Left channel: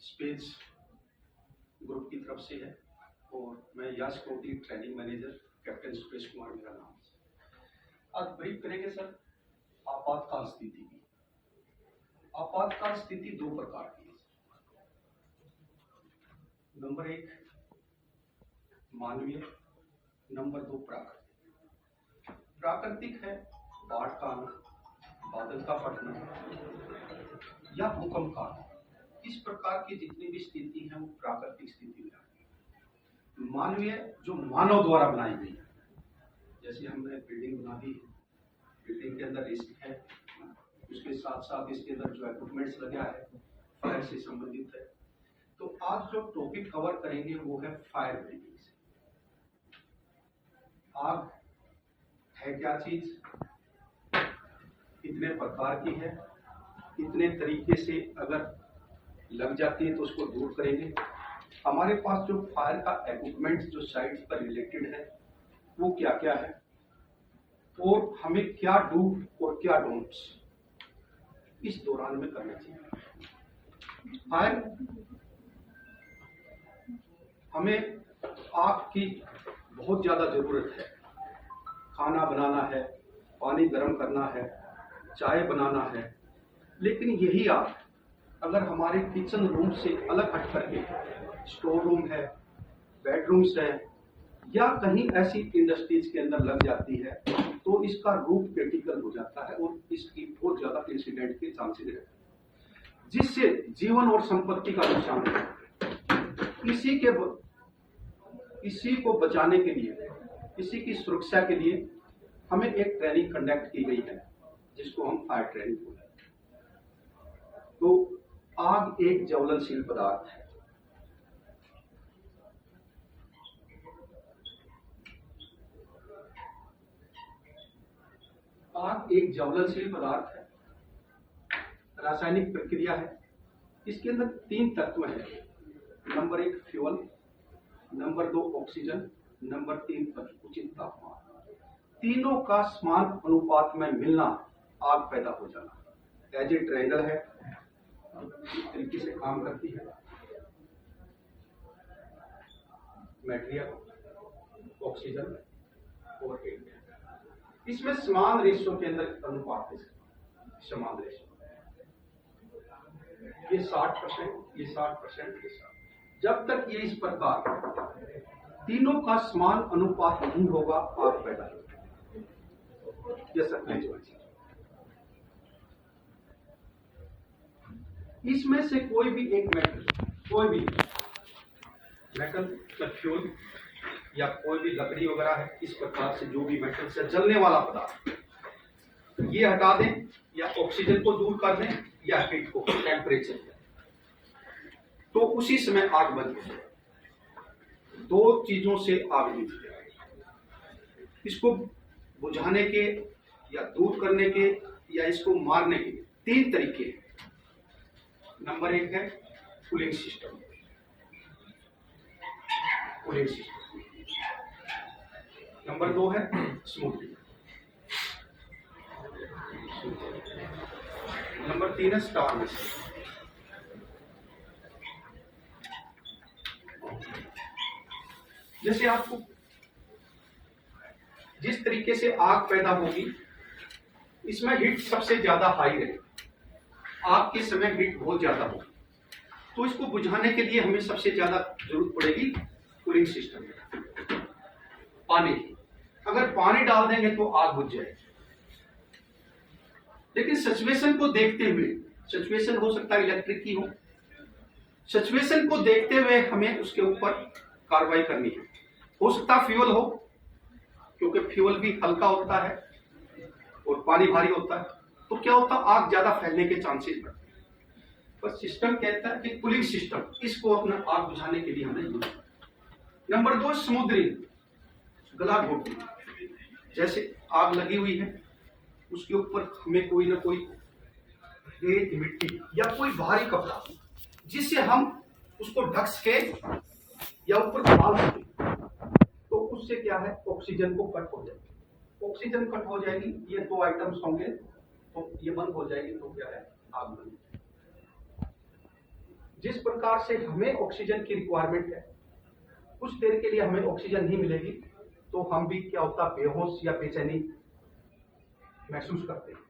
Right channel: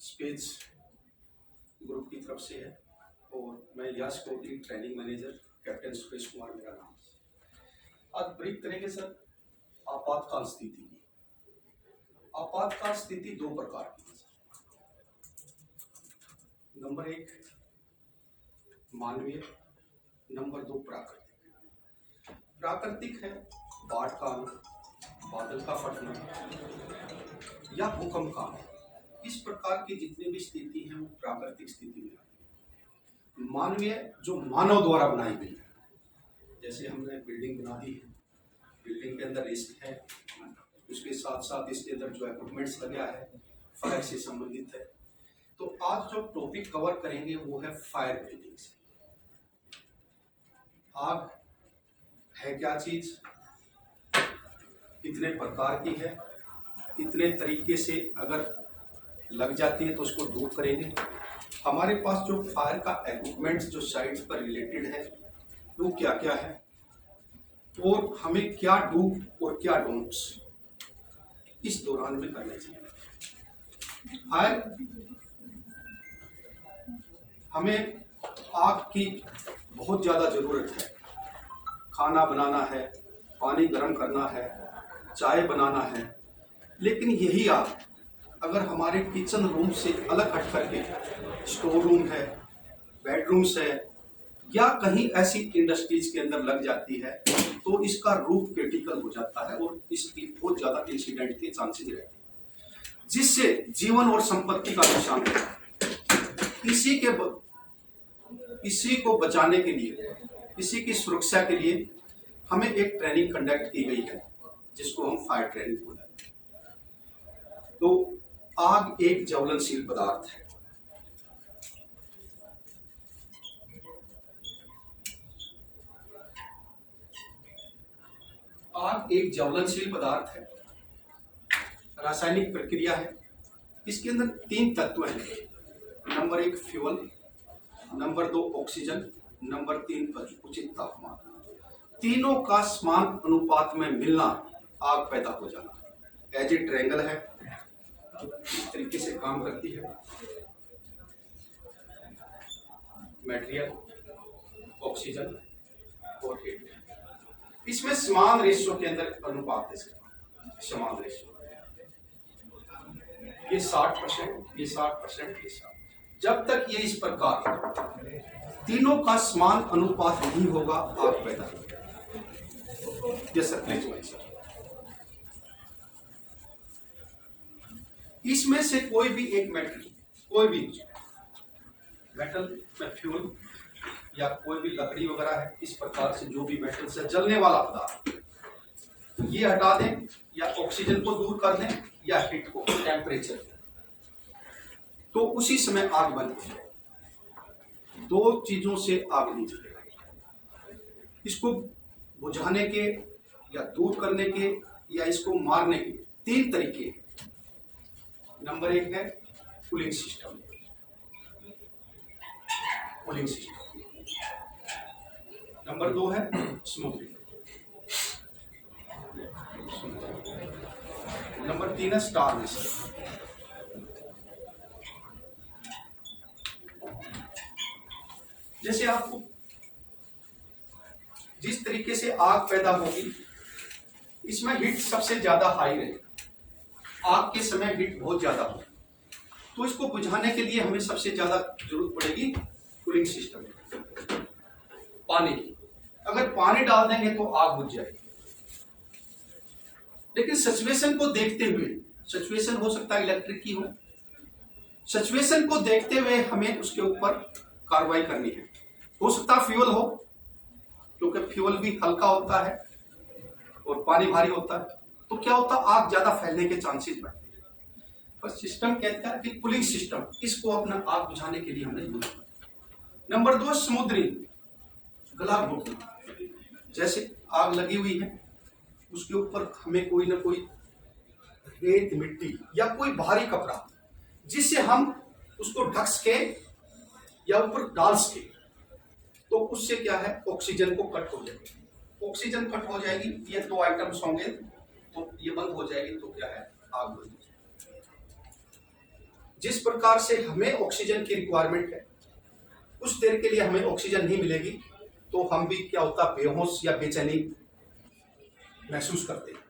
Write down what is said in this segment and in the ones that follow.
Space group की तरफ से है और मैं यश कोटी training manager captain Suresh Kumar मेरा नाम है। आज ब्रीफ करेंगे सर आपातकाल स्थिति की। आपातकाल स्थिति दो प्रकार की है। नंबर एक मानवीय, नंबर दो प्राकृतिक। प्राकृतिक है बाढ़ का आना, बादल का फटना या भूकंप का आना। इस प्रकार की जितनी भी स्थिति है वो प्राकृतिक स्थिति में आती है। मानवीय जो मानव द्वारा बनाई गई है, जैसे हमने बिल्डिंग बना दी है, बिल्डिंग के अंदर रिस्क है, उसके साथ साथ इसके अंदर जो इक्विपमेंट्स लगा है फायर से संबंधित है। तो आज जो टॉपिक कवर करेंगे वो है फायर ब्रीथिंग से। आग है क्या चीज, कितने प्रकार की है, कितने तरीके से अगर लग जाती है तो उसको दूर करेंगे। हमारे पास जो फायर का इक्विपमेंट्स जो साइट्स पर रिलेटेड है वो क्या क्या है और हमें क्या डू और क्या डोंट्स इस दौरान में करना चाहिए। फायर हमें आग की बहुत ज्यादा जरूरत है। खाना बनाना है, पानी गर्म करना है, चाय बनाना है, लेकिन यही आग अगर हमारे किचन रूम से अलग हट करके स्टोर रूम है, बेडरूम्स है या कहीं ऐसी इंडस्ट्रीज के अंदर लग जाती है तो इसका रूप क्रिटिकल हो जाता है और इसकी बहुत ज्यादा इंसिडेंट के चांसेस रहते हैं, जिससे जीवन और संपत्ति का नुकसान होता है। इसी को बचाने के लिए, इसी की सुरक्षा के लिए हमें एक ट्रेनिंग कंडक्ट की गई है जिसको हम फायर ट्रेनिंग बोलते हैं। तो आग एक ज्वलनशील पदार्थ है। आग एक ज्वलनशील पदार्थ है, रासायनिक प्रक्रिया है। इसके अंदर तीन तत्व हैं। नंबर एक फ्यूल, नंबर दो ऑक्सीजन, नंबर तीन उचित तापमान। तीनों का समान अनुपात में मिलना आग पैदा हो जाना। एज ए ट्रायंगल है, इस तरीके से काम करती है। मटेरियल, ऑक्सीजन और हीट, इसमें समान रेशियो के अंदर अनुपात है। समान रेशियो ये 60%, ये 60%, ये 60। जब तक ये इस प्रकार तीनों का समान अनुपात नहीं होगा आग पैदा होगी। जैसा इसमें से कोई भी एक मेटल, कोई भी मेटल में फ्यूल या कोई भी लकड़ी वगैरह है, इस प्रकार से जो भी मेटल से जलने वाला पदार्थ ये हटा दें या ऑक्सीजन को दूर कर दें या हीट को, टेम्परेचर, तो उसी समय आग बन जाए। दो चीजों से आग नहीं जलेगी। इसको बुझाने के या दूर करने के या इसको मारने के तीन तरीके हैं। नंबर एक है cooling system, cooling system. Number दो है स्मोकिंग, नंबर तीन है स्टारवेशन। जैसे आपको जिस तरीके से आग पैदा होगी, इसमें हीट सबसे ज्यादा हाई रहे। आग के समय हीट बहुत ज्यादा होगी, तो इसको बुझाने के लिए हमें सबसे ज्यादा जरूरत पड़ेगी कूलिंग सिस्टम, पानी की। अगर पानी डाल देंगे तो आग बुझ जाएगी। लेकिन सिचुएशन को देखते हुए, सिचुएशन हो सकता है इलेक्ट्रिक की हो, सिचुएशन को देखते हुए हमें उसके ऊपर कार्रवाई करनी है। हो सकता फ्यूल हो, क्योंकि फ्यूल भी हल्का होता है और पानी भारी होता है, तो क्या होता है आग ज्यादा फैलने के चांसेस बढ़ते हैं। पर सिस्टम कहता है कि कूलिंग सिस्टम, इसको अपना आग बुझाने के लिए हमने यूज किया। नंबर दो समुद्री, गला घोटना। जैसे आग लगी हुई है, उसके ऊपर हमें कोई ना कोई रेत, मिट्टी या कोई भारी कपड़ा, जिससे हम उसको ढक सके या ऊपर डाल सके, तो उससे क्या है ऑक्सीजन को कट हो जाएगी। ऑक्सीजन कट हो जाएगी, ये दो आइटम्स होंगे तो ये बंद हो जाएगी, तो क्या है आग बंद हो जाएगी। जिस प्रकार से हमें ऑक्सीजन की रिक्वायरमेंट है, कुछ देर के लिए हमें ऑक्सीजन नहीं मिलेगी तो हम भी क्या होता बेहोश या बेचैनी महसूस करते हैं।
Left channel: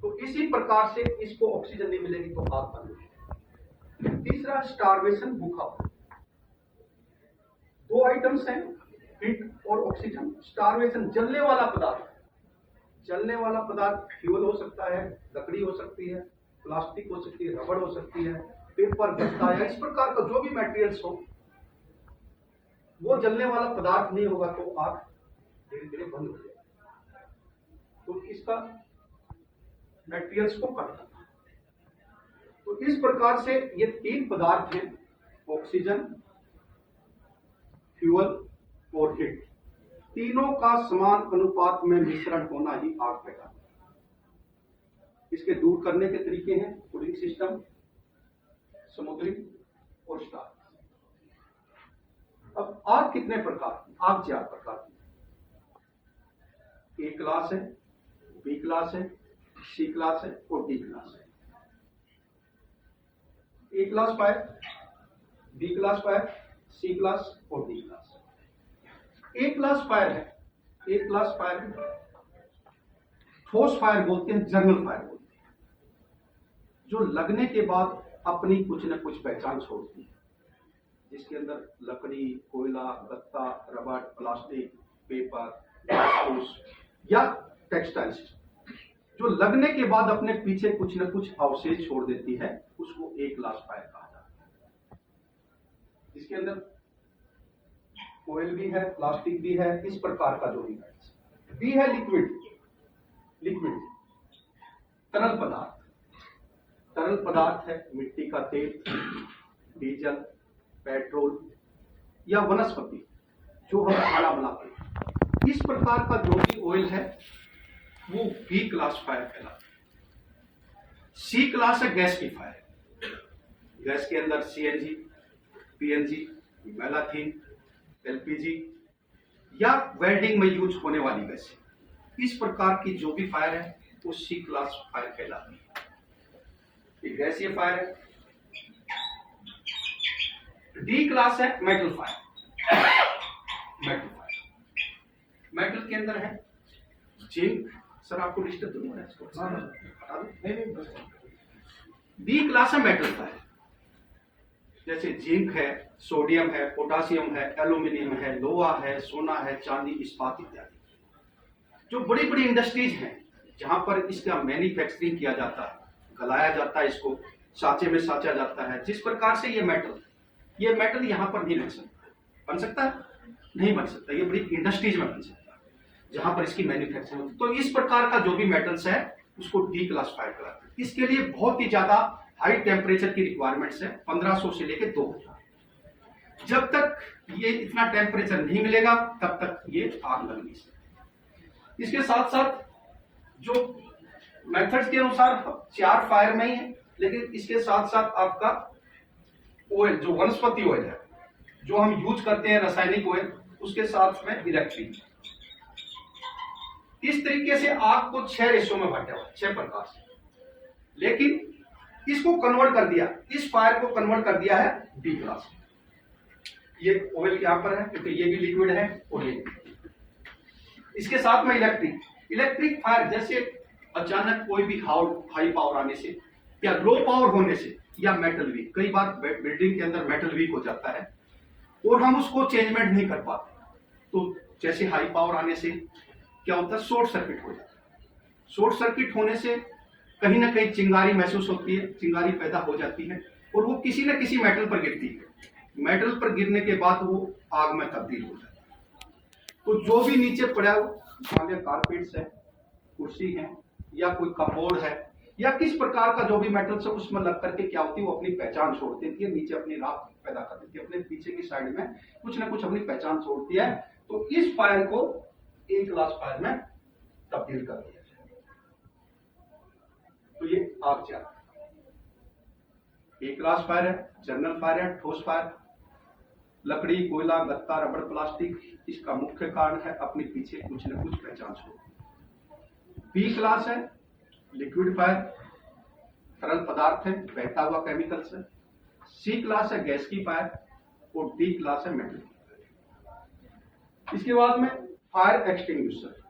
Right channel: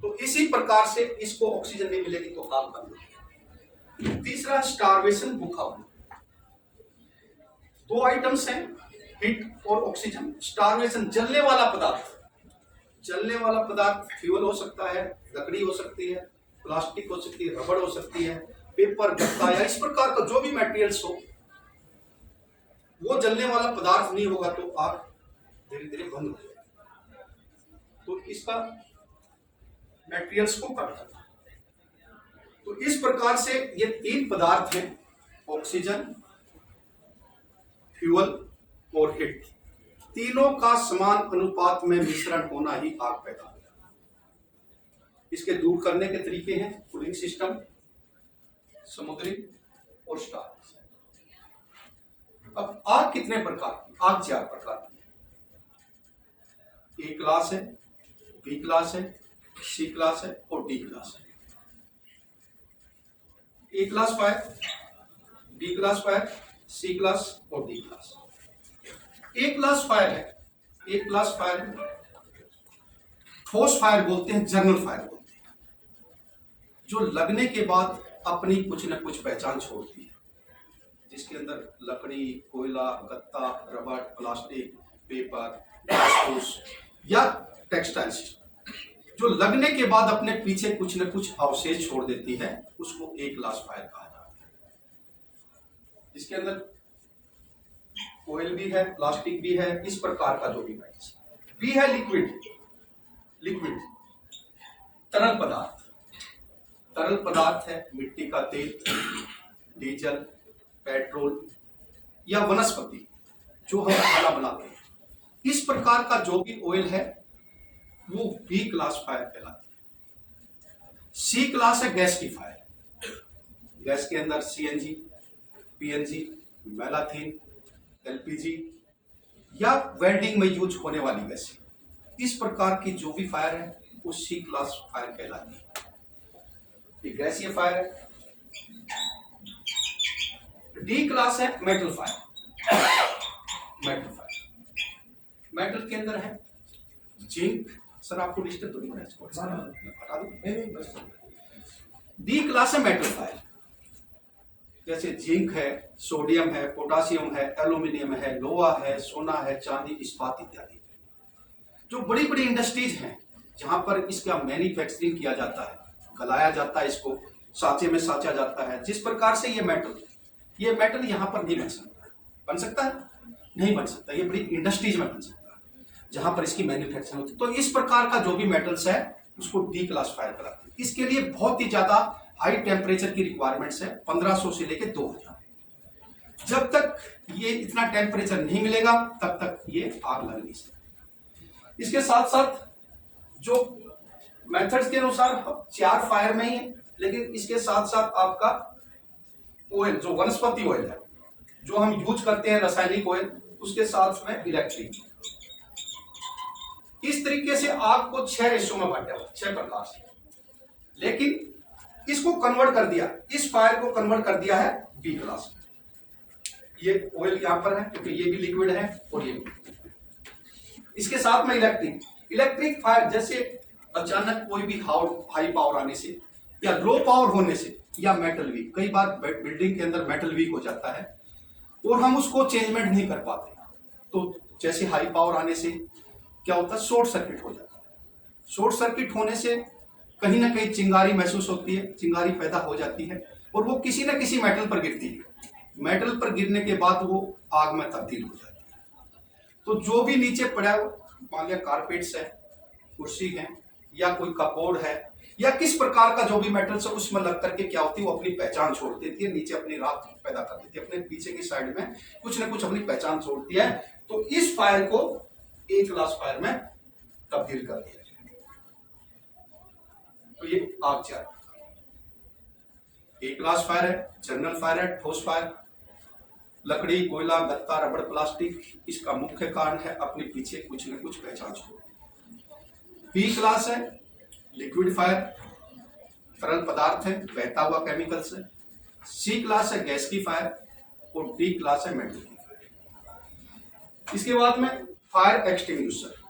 तो इसी प्रकार से इसको ऑक्सीजन नहीं मिलेगी तो आग बंद होगी। तीसरा स्टारवेशन, भूखा होना। दो आइटम्स हैं, हीट और ऑक्सीजन। स्टारवेशन जलने वाला पदार्थ, जलने वाला पदार्थ फ्यूल हो सकता है, लकड़ी हो सकती है, प्लास्टिक हो सकती है, रबड़ हो सकती है, पेपर, गत्ता या इस प्रकार का जो भी मटेरियल्स हो, वो जलने वाला पदार्थ नहीं होगा तो आग धीरे धीरे बंद हो जाएगी। तो इसका मटेरियल्स को कट करना। तो इस प्रकार से ये तीन पदार्थ हैं, ऑक्सीजन, फ्यूल और हीट। तीनों का समान अनुपात में मिश्रण होना ही आग पैदा होगा। इसके दूर करने के तरीके हैं कूलिंग सिस्टम, समुद्री और स्टार। अब आग कितने प्रकार की? आग 4 प्रकार की है। ए क्लास है, बी क्लास है, सी क्लास है और डी क्लास है। A class fire, B class fire, C class और D class. A class fire है, ए क्लास फायर है, ठोस फायर बोलते हैं, जर्नल फायर बोलते हैं, जो लगने के बाद अपनी कुछ न कुछ पहचान छोड़ती है, जिसके अंदर लकड़ी, कोयला, गत्ता, रबड़, प्लास्टिक, पेपर, घास-फूस या टेक्सटाइल्स, जो लगने के बाद अपने पीछे कुछ न कुछ अवशेष छोड़ देती है, उसको ए क्लास फायर कहा जाता है। जिसके अंदर ऑयल भी है, प्लास्टिक भी है, इस प्रकार का जो भी है। बी है लिक्विड, लिक्विड तरल पदार्थ। तरल पदार्थ है मिट्टी का तेल, डीजल, पेट्रोल या वनस्पति जो हम खाना बनाते हैं। इस प्रकार का जो भी ऑयल है वो बी क्लास फायर कहलाता है। सी क्लास है गैस की फायर। गैस के अंदर सीएनजी, पीएनजी, मैलाथीन, एलपीजी या वेल्डिंग में यूज होने वाली गैस। इस प्रकार की जो भी फायर है वो सी क्लास फायर कहलाती है। ये गैसीय फायर है। डी क्लास है metal fire. Metal fire, metal के अंदर है जिंक। सर आपको डिस्टर्ब तो नहीं हो रहा है? डी क्लास है मेटल फायर, जैसे जिंक है, सोडियम है, पोटासियम है, एल्यूमिनियम है, लोहा है, सोना है, चांदी, इस्पात इत्यादि। जो बड़ी बड़ी इंडस्ट्रीज हैं जहां पर इसका मैन्युफैक्चरिंग किया जाता है, गलाया जाता है, इसको साँचे में साँचा जाता है। जिस प्रकार से ये मेटल यहाँ पर नहीं बन सकता। बन सकता है? नहीं बन सकता। ये बड़ी इंडस्ट्रीज में बन सकता है जहां पर इसकी मैन्युफैक्चरिंग होती है। तो इस प्रकार का जो भी मेटल्स है उसको डी क्लास फायर कराते हैं। इसके लिए बहुत ही ज्यादा हाई टेम्परेचर की रिक्वायरमेंट्स है, 1500 से लेकर 2000। जब तक ये इतना टेम्परेचर नहीं मिलेगा तब तक ये आग लग नहीं सकती। इसके साथ साथ जो मेथड्स के अनुसार 4 फायर में ही है, लेकिन इसके साथ साथ आपका ऑयल, जो वनस्पति ऑयल है, जो हम यूज करते हैं रासायनिक ऑयल, उसके साथ में इलेक्ट्रिक। इस तरीके से आग को 6 रेशो में बांटा हुआ, 6 प्रकार से। लेकिन इसको कन्वर्ट कर दिया, इस फायर को कन्वर्ट कर दिया है बी क्लास। ये ऑयल यहां पर है क्योंकि ये भी लिक्विड है और ये भी। इसके साथ में इलेक्ट्रिक फायर, जैसे अचानक कोई भी हाई पावर आने से या लो पावर होने से या मेटल वीक, कई बार बिल्डिंग के अंदर मेटल वीक हो जाता है और हम उसको चेंजमेंट नहीं कर पाते, तो जैसे हाई पावर आने से क्या होता है, शॉर्ट सर्किट हो जाता है। शॉर्ट सर्किट होने से कहीं ना कहीं चिंगारी महसूस होती है, चिंगारी पैदा हो जाती है और वो किसी न किसी मेटल पर गिरती है। मेटल पर गिरने के बाद वो आग में तब्दील हो जाती है। तो जो भी नीचे पड़ा, मान लिया कारपेट्स है, कुर्सी है या कोई कपबोर्ड है या किस प्रकार का जो भी मेटल्स है, उसमें लग करके क्या होती है, वो अपनी पहचान छोड़ देती है, नीचे अपनी राख पैदा कर देती है, अपने पीछे की साइड में कुछ ना कुछ अपनी पहचान छोड़ती है। तो इस फायर को ए क्लास फायर में तब्दील कर दिया जाए। तो ये आग 4 ए क्लास फायर है, जनरल फायर है, ठोस फायर, लकड़ी, कोयला, गत्ता, रबड़, प्लास्टिक। इसका मुख्य कारण है अपने पीछे कुछ न कुछ पहचान छोड़। बी क्लास है लिक्विड फायर, तरल पदार्थ है, बहता हुआ केमिकल्स है, सी क्लास है गैस की फायर और डी क्लास है मेटल की फायर। इसके बाद में फायर एक्सटिंग्विशर।